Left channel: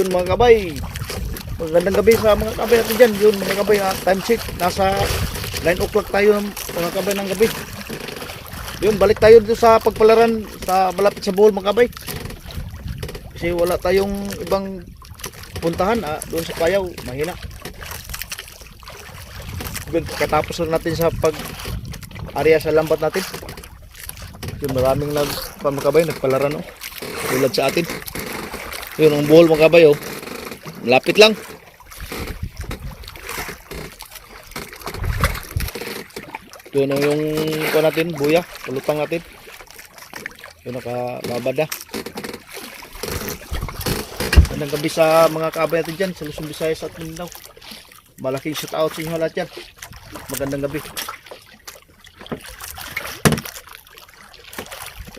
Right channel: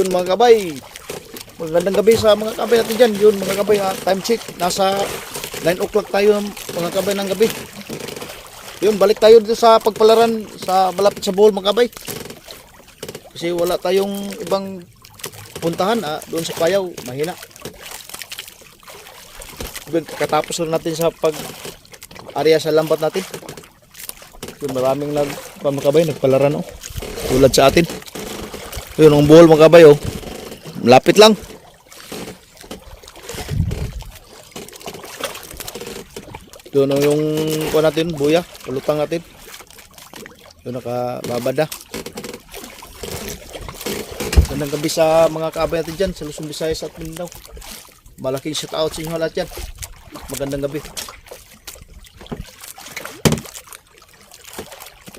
Yun mga kabay. Magandang gabi sa mga kabay natin dyan. Yun mga kabay, ah, time check. Nasa 9 o'clock tayo mga kabay ng gabi. Yun, balik tayo dito sa pagpalaran sa malapit sa Bohol mga kabay. Kasi wala tayong ibang puntahan ah, doon sa Payaw, mahina. Yun, katapos na natin sa pag area sa lambat natin. Yun, maraming nag pamakabay, nagpalaran oh. Tulad sa atin. Yun, ang buhol mga kabay oh. Malapit lang. Yun ang yung kuha natin, buya, pulutang natin. Yun nakababad na. Magandang gabi sa mga kabay natin dyan, sa Luzon, Visayas at Mindanao. Malaking shout out sa inyo lahat dyan. Magandang gabi.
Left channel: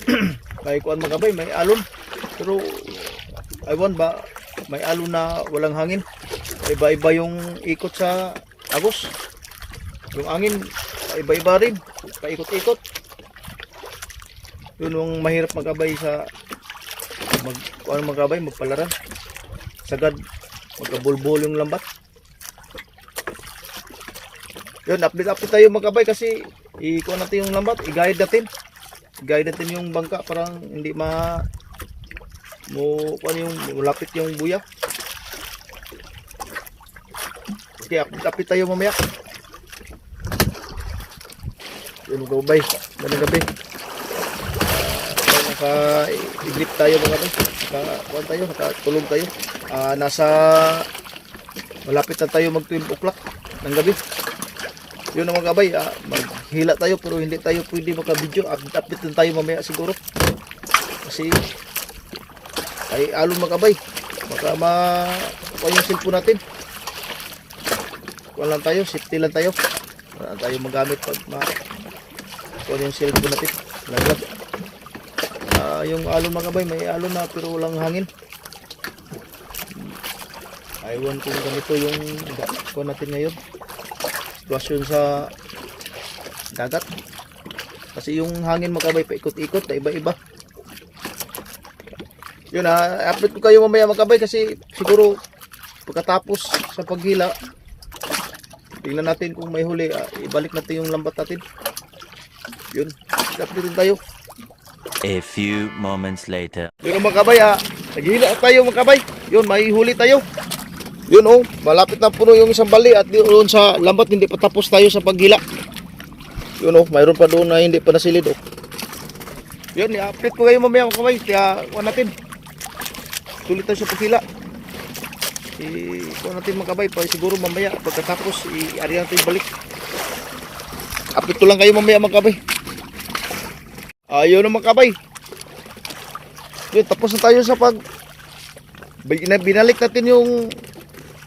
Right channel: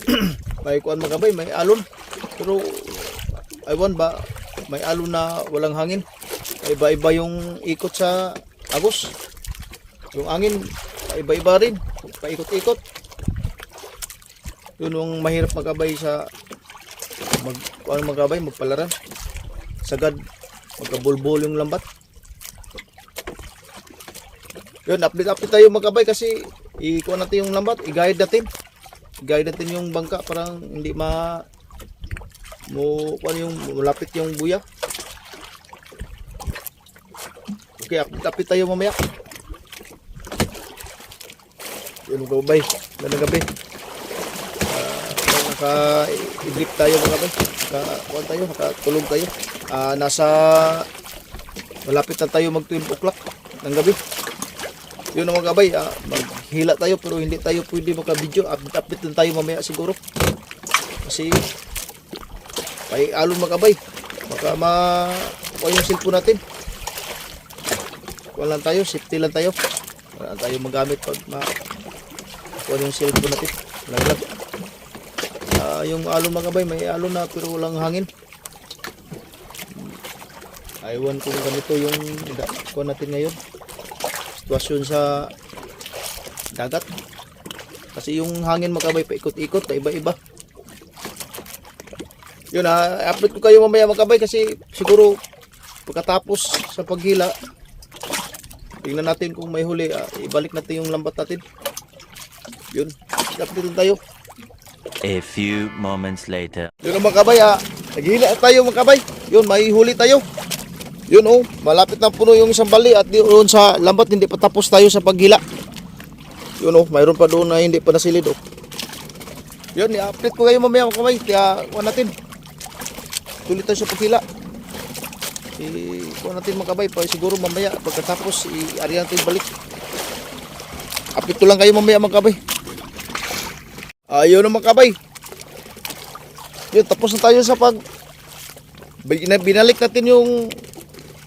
may kuan mga kabay, may alon. Pero aywan ba, may alon na walang hangin. Iba-iba yung ikot sa agos. Yung angin, iba-iba rin. Paikot-ikot. Yun yung mahirap magabay sa mag ano magabay, magpalaran. Sagad magkabulbul yung lambat. Yun, update-update tayo magabay kasi ikuha natin yung lambat, i-guide natin. I-guide natin yung bangka parang hindi ma mo ano yung malapit yung buya. Okay, update-update tayo mamaya. Yun mga kabay, ganang gabi. Uh, naka-idlip tayo mga kabay. Naka, tayo, nakatulog tayo. Ah, nasa malapit na tayo mag 12 o'clock ng gabi. Yun ang mga kabay, ah, maghila tayo pero hindi tayo pwede maka-video. Update, update lang tayo mamaya siguro. Kasi may alon mga kabay. Baka ma kuha yung cellphone natin. Kuha lang tayo, safety lang tayo. Wala tayo magamit pag ma kuha yung cellphone natin. Laglag. Ah, yung alon mga kabay, may alon na pero walang hangin. Aywan kung ganito yung kuha natin ngayon sitwasyon sa dagat kasi yung hangin makabay paikot-ikot pa iba-iba yun ha update ko kayo mamaya makabay kasi siguro pagkatapos sa paghila tingnan natin kung may huli ah, ibalik natin yung lambat natin yun update din tayo A few moments later. yun ang makabay ha naghila tayo makabay yun may huli tayo yun oh, malapit na puno yung isang bali at doon sa lambat hindi pa tapos tayo sa paghila. Yun oh, mayroon pa doon na hindi pa nasilid oh. Yun, i-update ko kayo mamaya mga kamay. Kaya, natin. Tayo sa paghila. I-kuha natin mga kabay siguro mamaya pagkatapos i-ari natin balik. Ko lang kayo mamaya mga kabay. Ayun na mga kabay. Yun, tapos na tayo sa pag Bin- binalik natin yung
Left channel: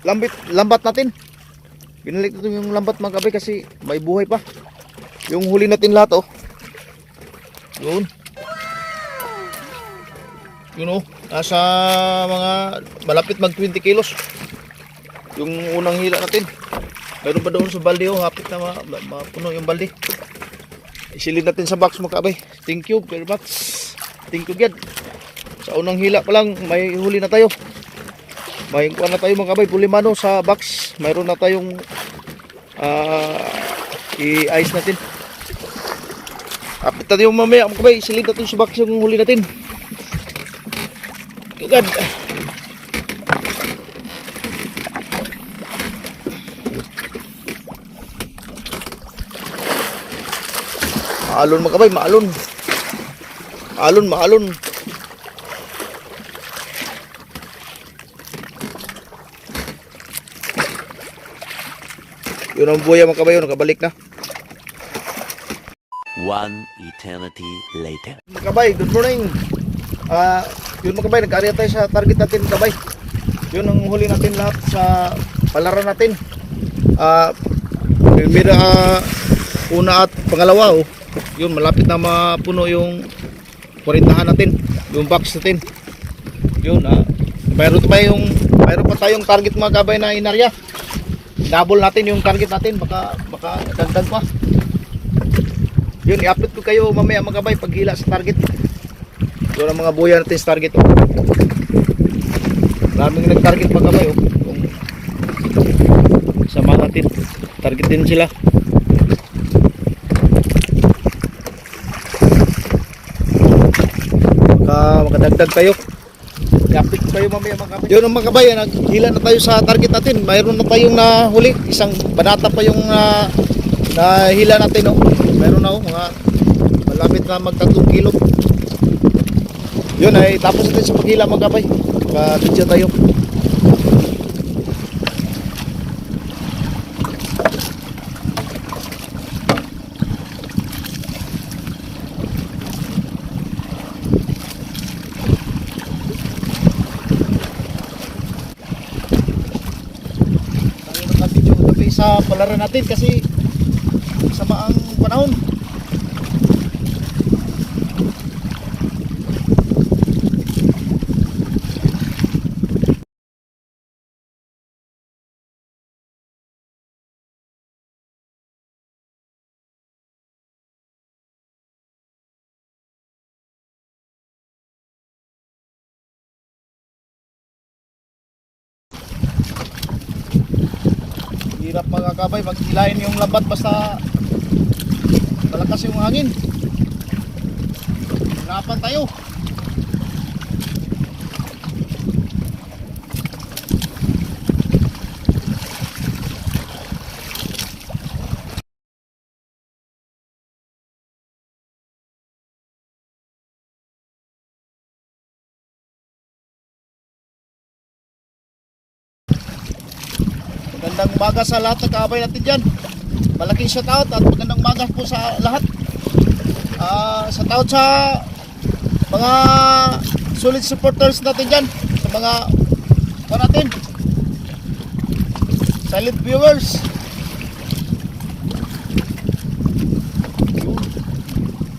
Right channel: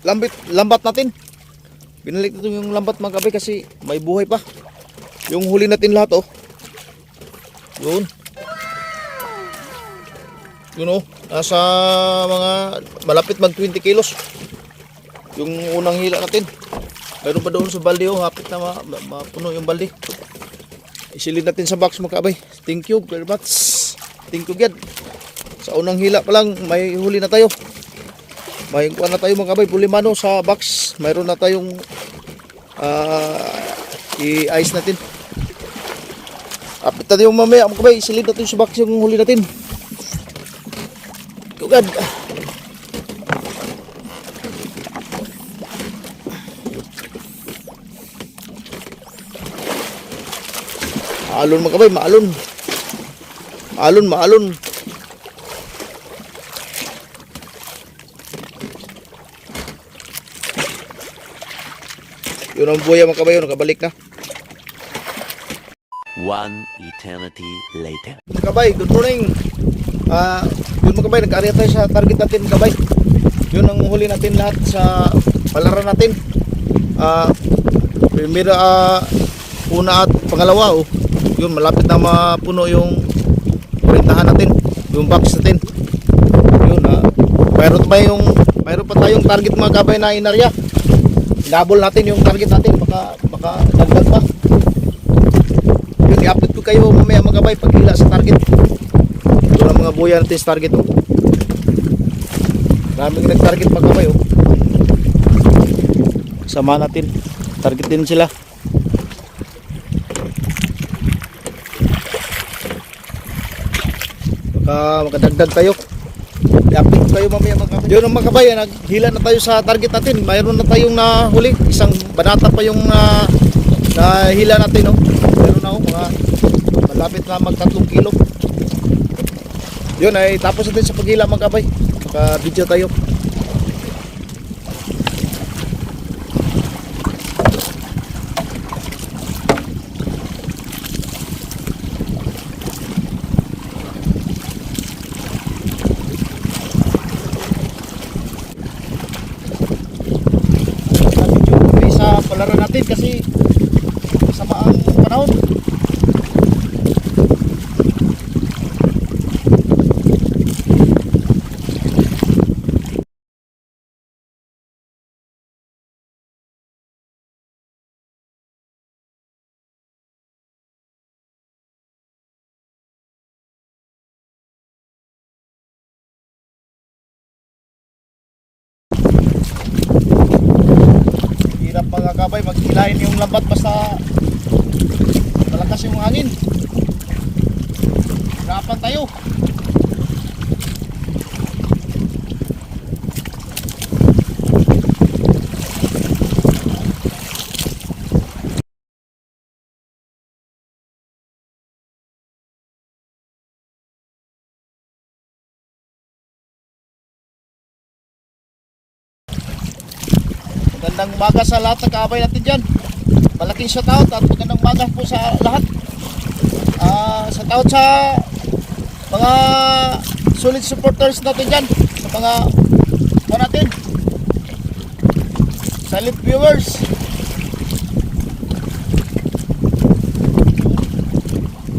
lambit, lambat natin. Binalik natin yung lambat mga kabay kasi may buhay pa. Yung huli natin lahat oh. Yun. Yun oh. Nasa mga malapit mag 20 kilos. Yung unang hila natin. Mayroon pa doon sa balde oh. Hapit na ma- ma- mapuno yung balde. Isilid natin sa box mga kabay. Thank you very much. Thank you God. Sa unang hila pa lang may huli na tayo. May kuha na tayo mga kabay, pulimano sa box. Mayroon na tayong ah, i-ice natin. Apit natin yung mamaya mga kabay, silid natin sa box yung huli natin. Tugad. Maalon mga kabay, maalon. Maalon, maalon. Yun ang buya mga kabayo, nakabalik na. One eternity later. Mga kabay, good morning. Ah, yun mga kabay, nag-area tayo sa target natin mga kabay. Yun ang huli natin lahat sa palaran natin. Ah, primera, ah, una at pangalawa, oh. Yun, malapit na mapuno yung kurintahan natin, yung box natin. Yun, ah. Mayroon pa yung, mayroon pa tayong target mga kabay na inarya. Double natin yung target natin, baka, baka dagdag pa. Yun, i-update ko kayo mamaya mga kabay paghila sa target. Yun ang mga buya natin sa target. Oh. Maraming nag-target mga kabay oh. Sama natin. Target din sila. Ka makadagdag tayo. Lapit tayo mamaya mga kabay. Yun ang mga kabay, naghila na tayo sa target natin. Mayroon na tayong nahuli. Isang banata pa yung na nahila natin. Oh. Meron na oh, mga malapit na mag 3 kilo. Yun ay tapos natin sa paghila mga kabay. Ka-video tayo. Sa palaran natin kasi sama ang panahon. Mga kabay, maghilahin yung lambat basta malakas yung hangin. Hirapan tayo. Magandang umaga sa lahat ng kaabay natin dyan. Malaking shoutout at magandang umaga po sa lahat. Ah, shoutout sa mga solid supporters natin dyan. Sa mga ano natin. Silent viewers.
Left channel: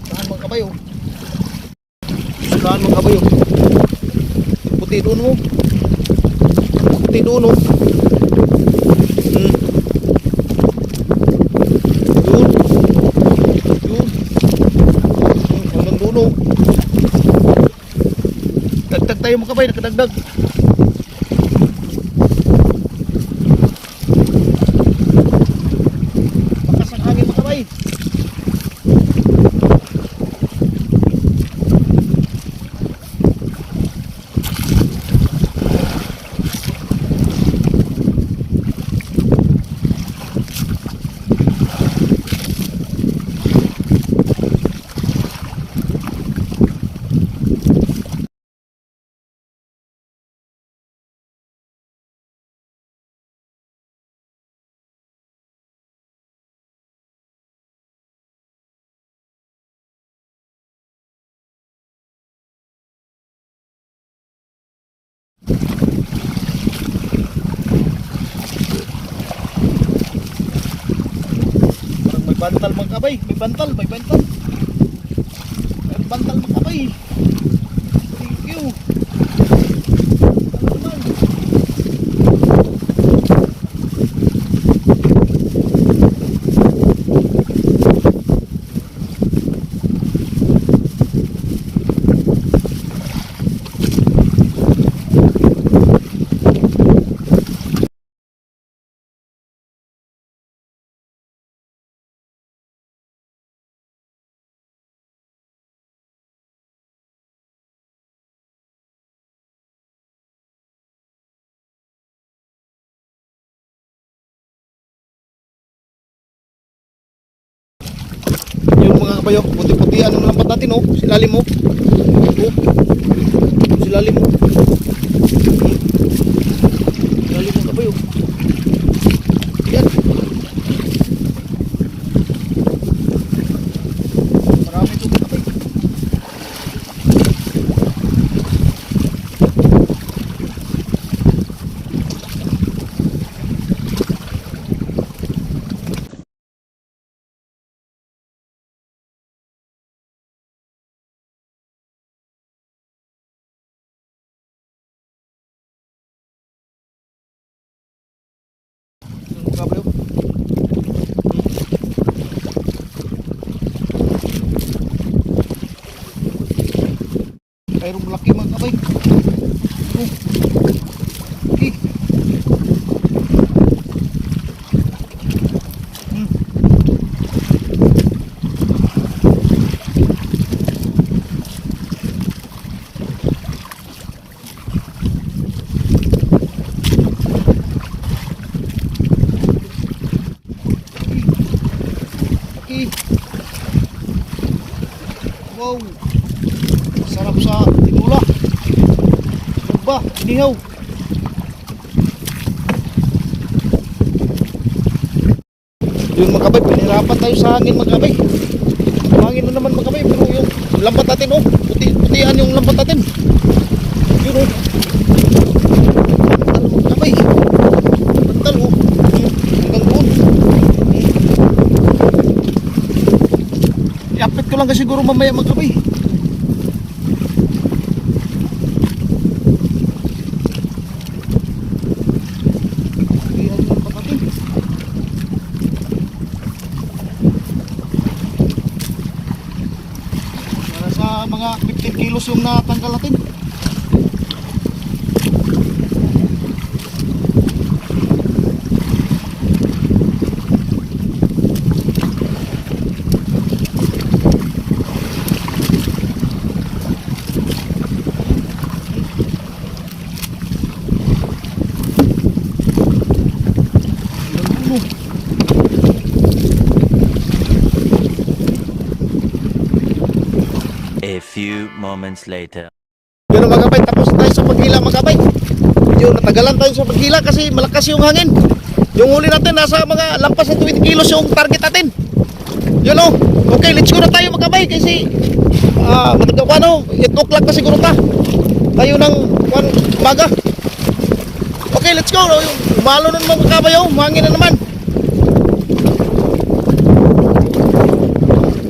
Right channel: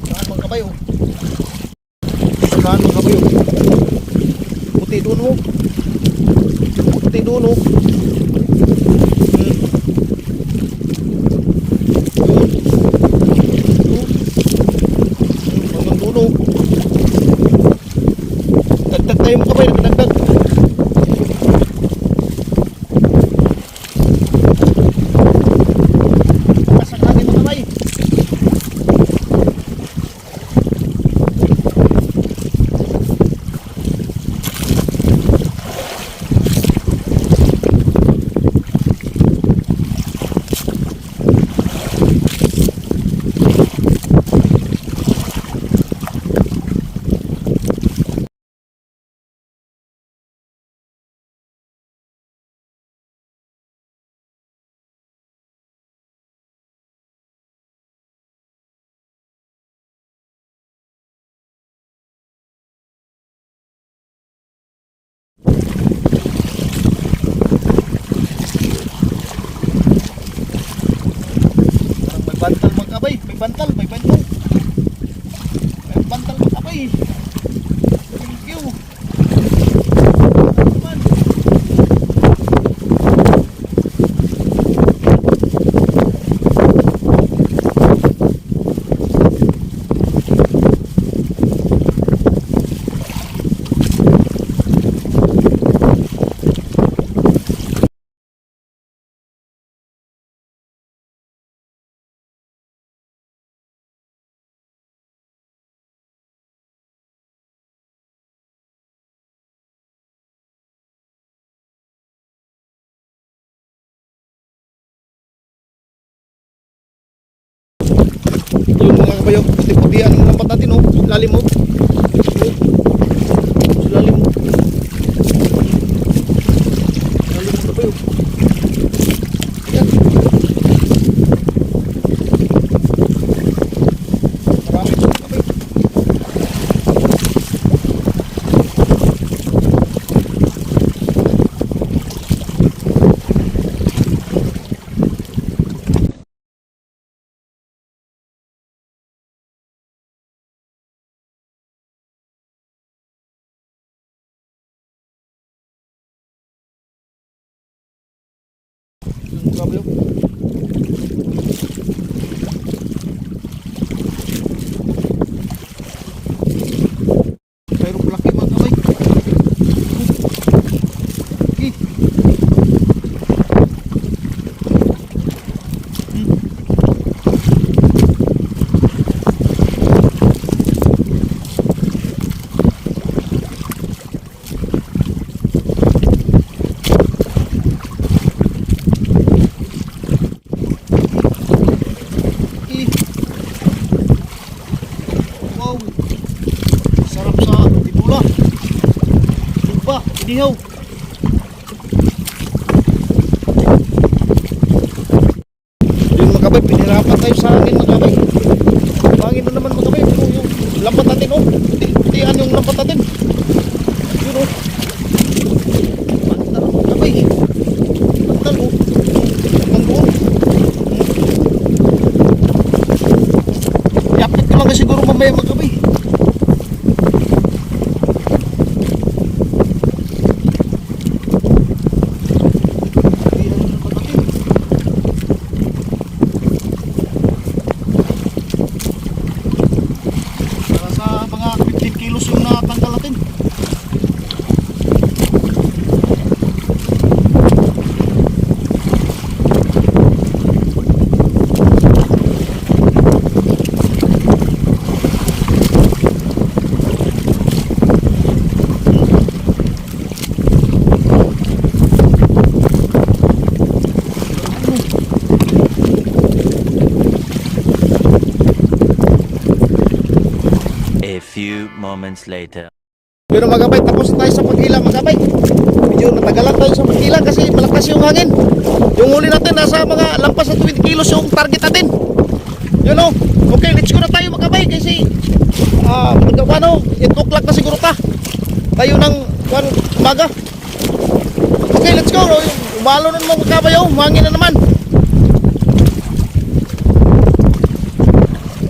Saan mga kabayo? Saan mga kabayo? Puti doon mo. Puti doon oh. Tayo mga kabay, dagdag. Lakas ang hangin mga kabay. Parang may bantal mga kabay. May bantal, may bantal. May bantal mga kabay. Thank you. Naman. Yung mga kabayo, puti-putian ang lambat natin oh. Silalim mo. Oh. Silalim mo. Silalim mo kabayo. Yan. Marami ito kabayo. Yung kabayo. Mayroong malaki mga kabay. Oh. Wow. Sarap sa tinula. Iba, inihaw. Yung mga kabay, pinirapan tayo sa hangin mga kabay. Hangin na naman mga kabay. Yung lambat natin oh. Puti, putian yung lambat natin. Yun oh. Bantal mga kabay. Bantal oh. Hanggang doon. Yapit ko lang kasi siguro mamaya sa mga 15 kilos yung natanggal. A few moments later. Yun mga kabay, tapos na tayo sa pagkila mga kabay. Medyo natagalan tayo sa pagkila kasi malakas yung hangin. Yung huli natin nasa mga lampas ng 20 kilos yung target natin. Yun o. Okay, let's go na tayo mga kasi uh, matagawa no, 8 o'clock na siguro ta. Tayo ng one, umaga. Okay, let's go. Umalo na naman mga kabay oh, hangin na naman.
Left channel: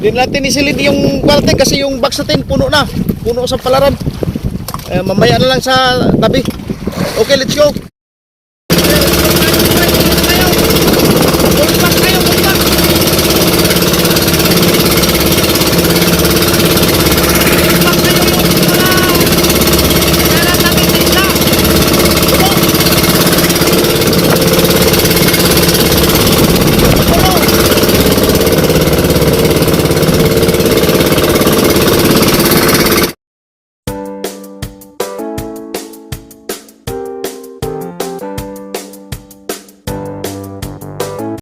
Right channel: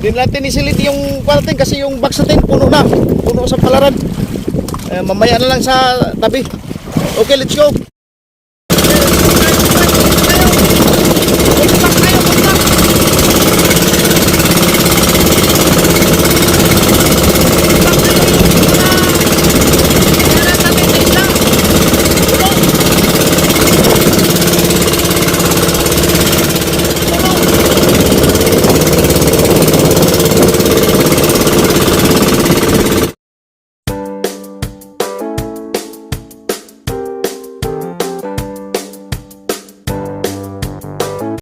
Doon natin isilid yung parte kasi yung box natin puno na. Puno sa palaran. Eh, mamaya na lang sa tabi. Okay, let's go.